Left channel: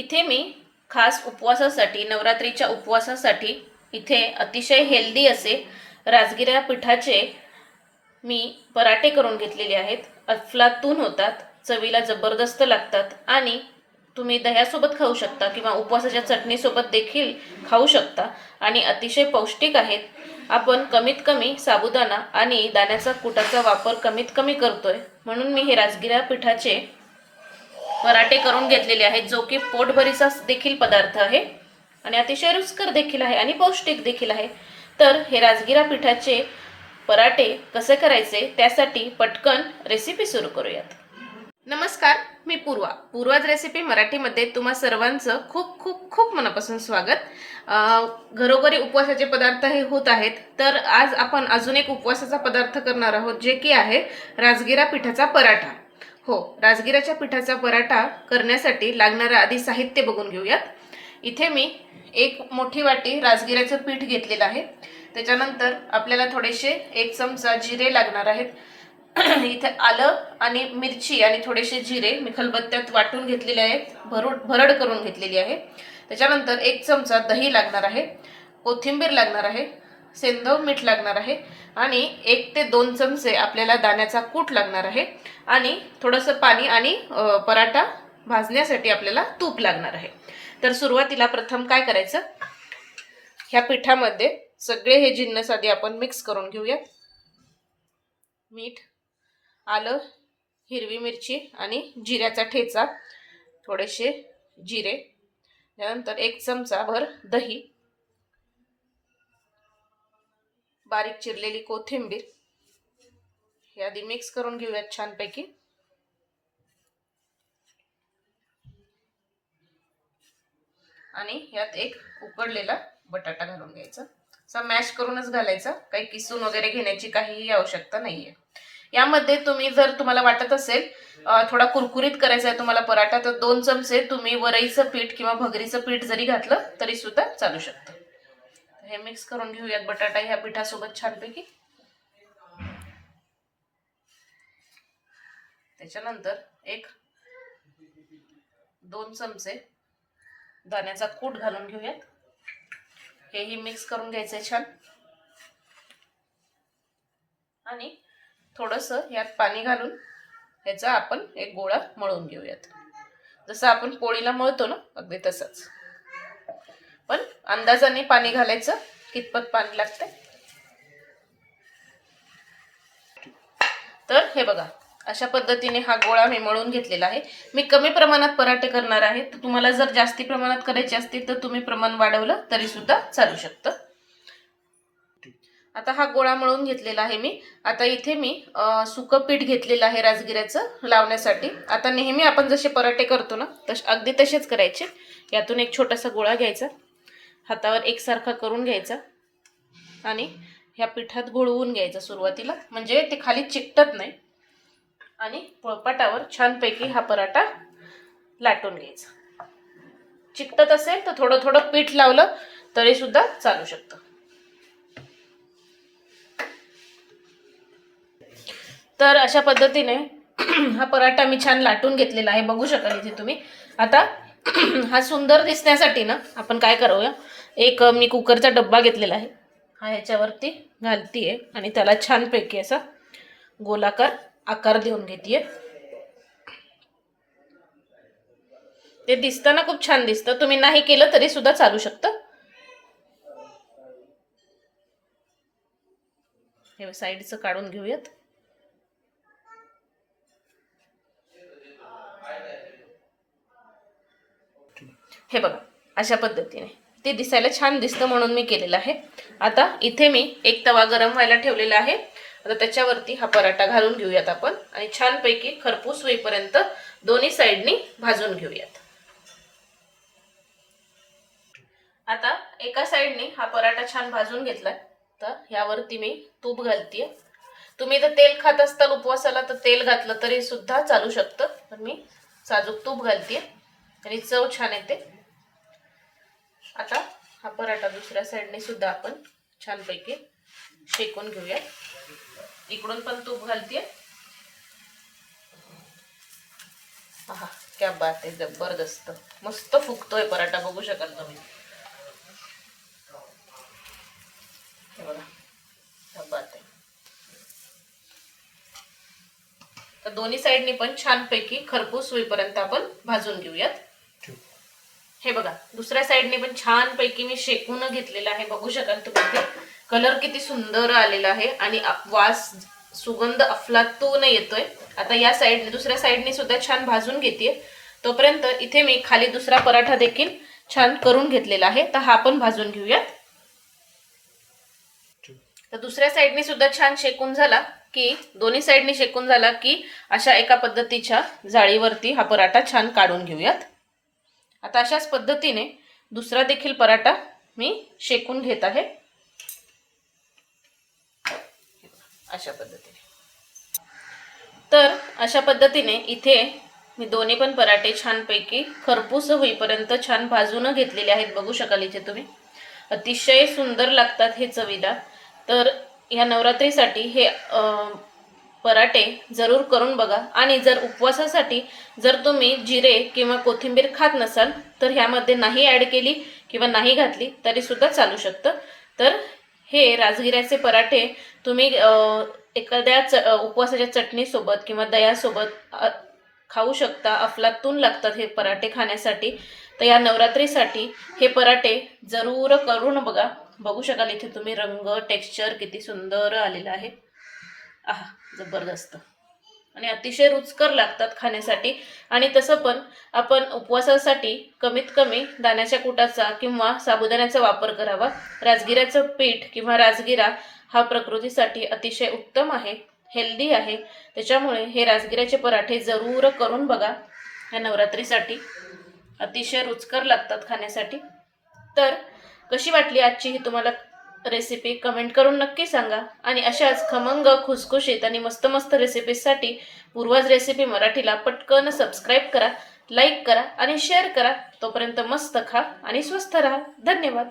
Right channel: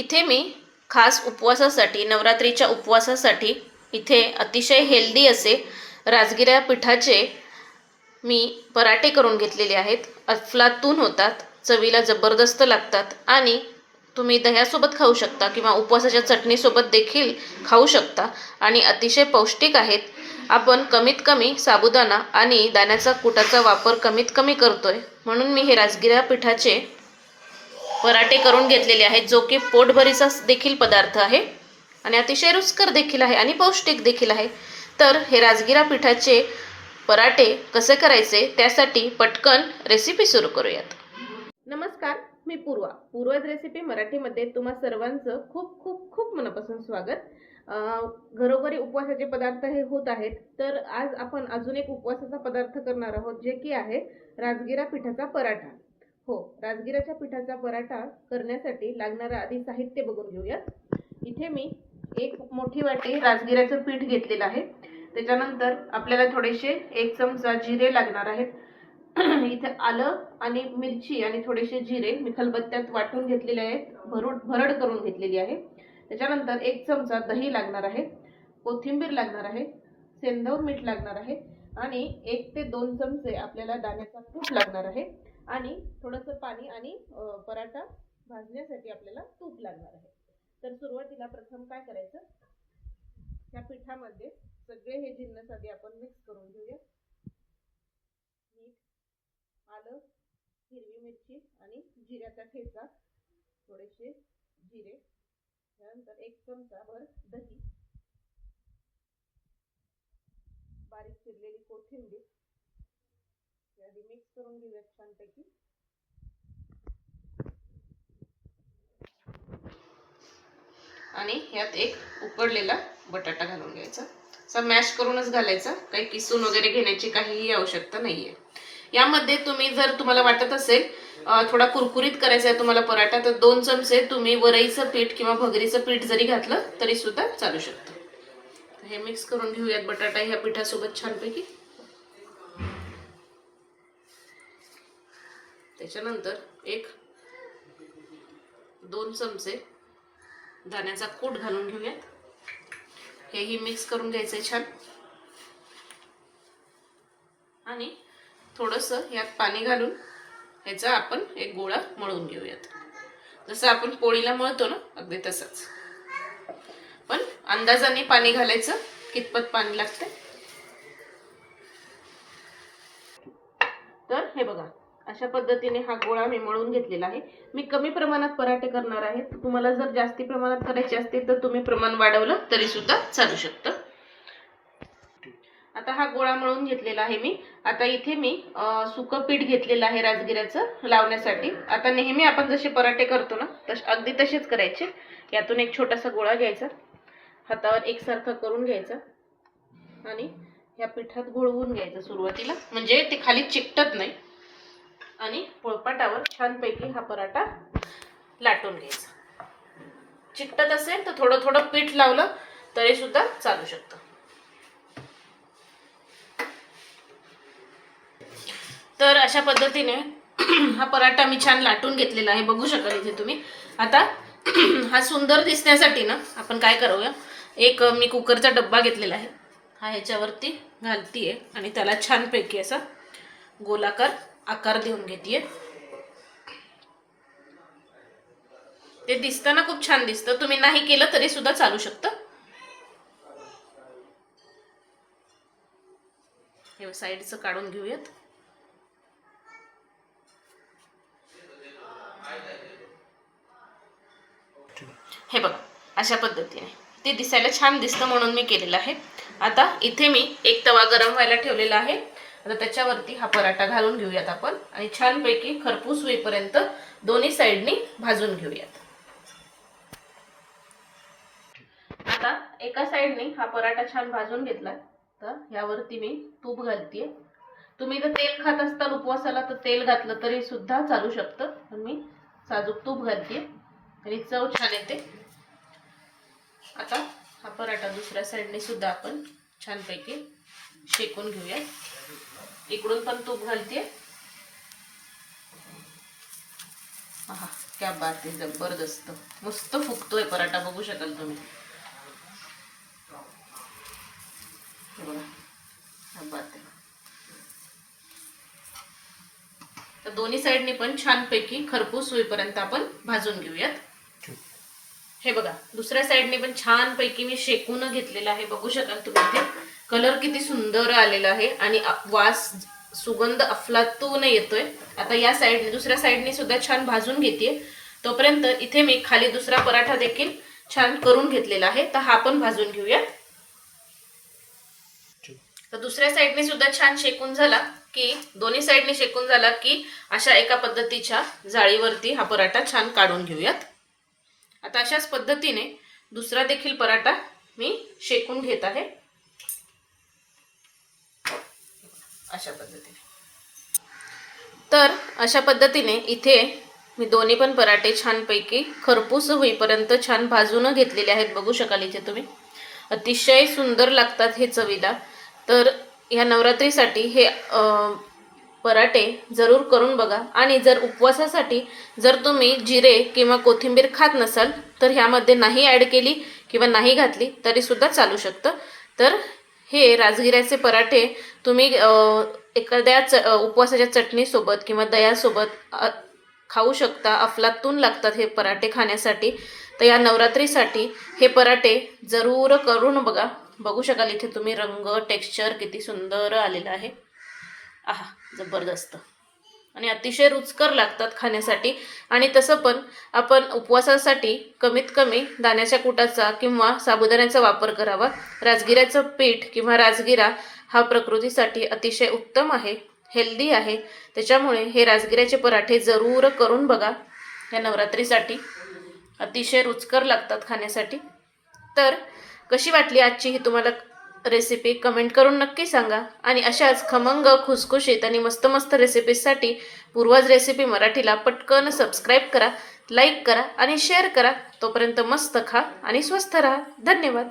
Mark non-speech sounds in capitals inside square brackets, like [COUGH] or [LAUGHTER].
इथे मी खास उपवासासाठी नवरात्रीच्या उपवासासाठी इथे अतिशय हेल्दी असे राजगिऱ्या पिठाचे मी पराठे करून घेतलेले आहेत. अफलातून होतात चवीला जबरदस्त लागतात आणि तुम्ही दह्यासोबत खाऊ शकता किंवा उपवासाच्या चटणीसोबत देखील खाऊ शकता आणि अतिशय पौष्टिक आहेत. आपण कमीत कमी साबुदाणा आणि दाण्याचा कुटाचा वापर कमीत कमी करतोय. म्हणून मी हे राजगिरा पिठाचे पराठे करून घेतलेले आहेत जो की पोटभरीचा देखील पदार्थ आहे आणि अतिशय रुचकर देखील आहे आणि पौष्टिक देखील आहे. तर हे राजगिरा पिठाचे पराठे कसे करायचे त्यासाठी पटकन रेसिपी सुरू करूयात. नमस्कार मी पूर्वा. पूर्वाज रेसिपी मराठीमध्ये तुम्हा सर्वांचं खूप खूप खूप मनापासून स्वागत. घरोघरी उपवासाचे पदार्थ हे होत आहेत. तर आज आपण अजून एक उपवासाचा पदार्थ करणार आहोत जे की आहे राजगिरा पिठाचा पराठा. हो राजगिराच्या पिठाचा पराठा करण्यासाठी लागणारं आधी साहित्य बघून घेऊयात. इथे मी एक मोठी वाटी राजगिऱ्याचं पीठ घेतलेलं आहे. त्याच्यानंतर आपल्याला थोडेसे एक चमचा जिरे लागणार आहेत. [CLEARS THROAT] इथे आलं आणि मिरची आणि थोडेसे जिरे मी खलबत्त्यात वाटून घेतलेले आहेत. भरूड भरड करून घेतलेली आहे. त्याच्यानंतर एक चमचा दही लागणार आहे. कोथिंबीर लागणार आहे. सेंदव मीठ लागणार आहे. आणि एक ते दोन चमचे आपल्याला दाण्याचा कूट लागणार आहे. आणि थोडंसं पाणी आणि पराठा भाजण्यासाठी आपल्याला तूप लागणार आहे. तर सुरुवातीला प्रथम काय करायचं? ह्या पिठामध्ये सगळे हे जिन्नस आधी आपण मिक्स करून घेऊया. मीठ आलं हिरवी मिरची आणि जिऱ्याचा ठेचा थोडेसे जिरे त्यानंतर एक चमचा भर दही. बारीक चिरलेली कोथिंबीर. हे आधी मिक्स करून घेऊयात छानपैकी. आणि यात एक उकडलेला बटाटा घालून घ्यायचा. असा मॅश करूनच घालायचा. काही किसून वगैरे घेण्याची काहीही आवश्यकता नाहीये. यामध्ये तुम्ही जर तुम्हाला वाटत असेल थोडा कुरकुरीत करायचा आहे तुम्हाला पराठा तर दोन चमचे तुम्ही वरईचं पीठ किंवा भगरीचं पीठ जरी घातलं तरी सुद्धा चालू शकतं. हे मिक्स करून घेऊयात बटाटा ह्या पिठासोबत छानपैकी. त्याच्यानंतर एक दोन चमचे दाण्याचा कूट घालून घेऊयात. हेही मिक्स करून घ्यायचंय छान. आणि थोडंसं यात पाणी घालून ह्याचा आपण एक गोळा मळून घेऊयात. जसं आपण पोळीला मळतो ना अगदी तसंच. पण अंदाजाने पाणी घालायचं कितपत पाणी लागतं तर हे बघा अशा पद्धतीने हा गोळा मी मळून घेतलेला आहे. मी कमी प्रमाणात पराठे करणार आहे. तर तुम्हाला जर जास्ती प्रमाणात करायचे असतील तर तुम्ही प्रमाण वाढवलं तरी सुद्धा चालू शकतं. आता हा गोळा मळून घेतलेला आहे मी. आता इथे मी अ, सुकं पीठ घेतलेलं आहे राजगिऱ्याचं लावण्यासाठी. आता नेहमी आपण जसे पराठे करतो ना तसे अगदी तसेच करायचे. यातून एक छोटासा गोळा घ्यायचा. हातावर एकसारखा करून घ्यायचा आणि ह्या पिठात घोळवून घ्यायचा सुरुवातीला. म्हणजे ते खाली चिकटत नाही. आणि पोळपाटावर छानपैकी हा पराठा लाटून घ्यायचा. चिकटत असेल तर थोडं थोडं पीठ लावलं तरी सुद्धा चालू शकतं. तर अशा पद्धतीने [CLEARS THROAT] हा पराठा मी छान लाटून घेतलेला आहे. बघू शकाल इथे तुम्ही. आता [CLEARS THROAT] हा सुंदर दिसण्यासाठी ना आपण काय करूया? एक मी कुकरचा डब्बा घेतलेला आहे. हा ह्याच्यावरती आहे आणि त्याला छानपैकी असा गोलाकार आकार देऊन घेते ते दिसताना खूप छान दिसतं. तुम्ही नाही केलं तरी सुद्धा चालू शकतं. हे साईडचं काढून घेऊयात. हे बघा अशा पद्धतीने. ते दिसायला छान दिसतं म्हणून मी केलेलं आहे. आता इथे मी एक तवा गरम व्हायला ठेवलेला आहे. आता त्याच्यावरती हा पराठा घालून घेऊयात आपण आणि छानपैकी खरपूस होईपर्यंत दोन्ही साईडनी भाजून घेऊयात. आता एका साईडनी हा पराठा छान भाजून घेतलाय. तर ह्यावरती मी तूप घालतीये. तुम्ही जर तेल खात असताल उपवासाला तर तेल घातलं तरी सुद्धा चालू शकतं. पण मी साजूक तूप घालतीये आणि चव छान येते. आता हा पराठा दुसऱ्या साईडने सुद्धा आपण छानपैकी शेकून घेऊया इकडून पण तूप घालते हा क्या बात आहे जबरदस्त. मस्त फुगतोय पराठा बघू शकाल तुम्ही. बघा बात आहे. तर दोन्ही साईडनी पण छानपैकी खरपूस होईपर्यंत आपण भाजून घेऊयात. हे बघा दुसऱ्या साईडने पण छान पैकी मी शेकून घेतलेलं आहे. बघू शकाल तुम्ही इथे. कलर किती सुंदर आलेला आहे आणि वास सुगंध अफलातून येतोय. आता या साईडने दुसऱ्या साईडने सुद्धा छान भाजून घेते तोपर्यंत इथे मी खाली दुसरा पराठा देखील छान करून घेतलेला आहे. तर हा पण भाजून घेऊयात तर दुसऱ्या साईडने सुद्धा छान शेकून झाला की दोन्ही साईडने शेकून झाला की अशा एका पद्धतीच्या जाळीवरती हा पराठा छान काढून घेऊयात. आता अशाच पद्धतीने दुसरा देखील पराठा मी शेकून घेत आहे. अशा पद्धतीने. तर अशा पद्धतीने इथे मी दोन्ही पण पराठे छानपैकी खरपूस होईपर्यंत छान भाजून घेतलेले आहेत. बघू शकाल इथे तुम्ही. अतिशय सुंदर लागतात हे चवीला. तर ह्या नवरात्रीसाठी हे पराठे जरूर करून बघा. आणि जर उपवासासाठी जर तुम्ही जिरे किंवा कोथिंबीर खात नसाल तर ह्यामध्ये नाही ॲड केली किंवा नाही घातली तरीसुद्धा चालू शकतं. तर हे राजगिऱ्याचे पराठे तुम्ही एखाद्या च उपवासाच्या चटणीसोबत किंवा दह्यासोबत खाऊ शकता. अफलातून लागतात हे पराठे खाण्यासाठी. तर या नवरात्रीसाठी हे पराठे जरूर करून बघा. बघू शकाल इथे तुम्ही रंग टेक्स्चर किती सुंदर आलेलं आहे. आहा जबरदस्त. आणि अतिशय रुचकर लागतात खाण्यासाठी. आणि तसं पण आपण उपवासासाठी कमीत कमी दाण्याच्या कुटाचा किंवा साबुदाण्याचा वापर करावा. राजगिऱ्याचं पीठ किंवा राजगिरा हा प्रकृतीसाठी अतिशय उत्तम आहे हेल्दी आहे. त्याच्यामुळे हे राजगिऱ्याचे पराठे जरूर करून बघा. या नवरात्रीसाठी अतिशय रुचकर लागतात खाण्यासाठी. तर कशी वाटली आजची ही तुम्हाला रेसिपी कमेंट करून नक्की सांगा. आणि अशाच खमंग खुसखुशीत आणि मस्त मस्त रेसिपीजसाठी पूर्वज रेसिपी मराठीला पटकन सबस्क्राईब करा लाईक करा आणि शेअर करा. तोपर्यंत मस्त खा आणि स्वस्थ राहा. धन्यवाद.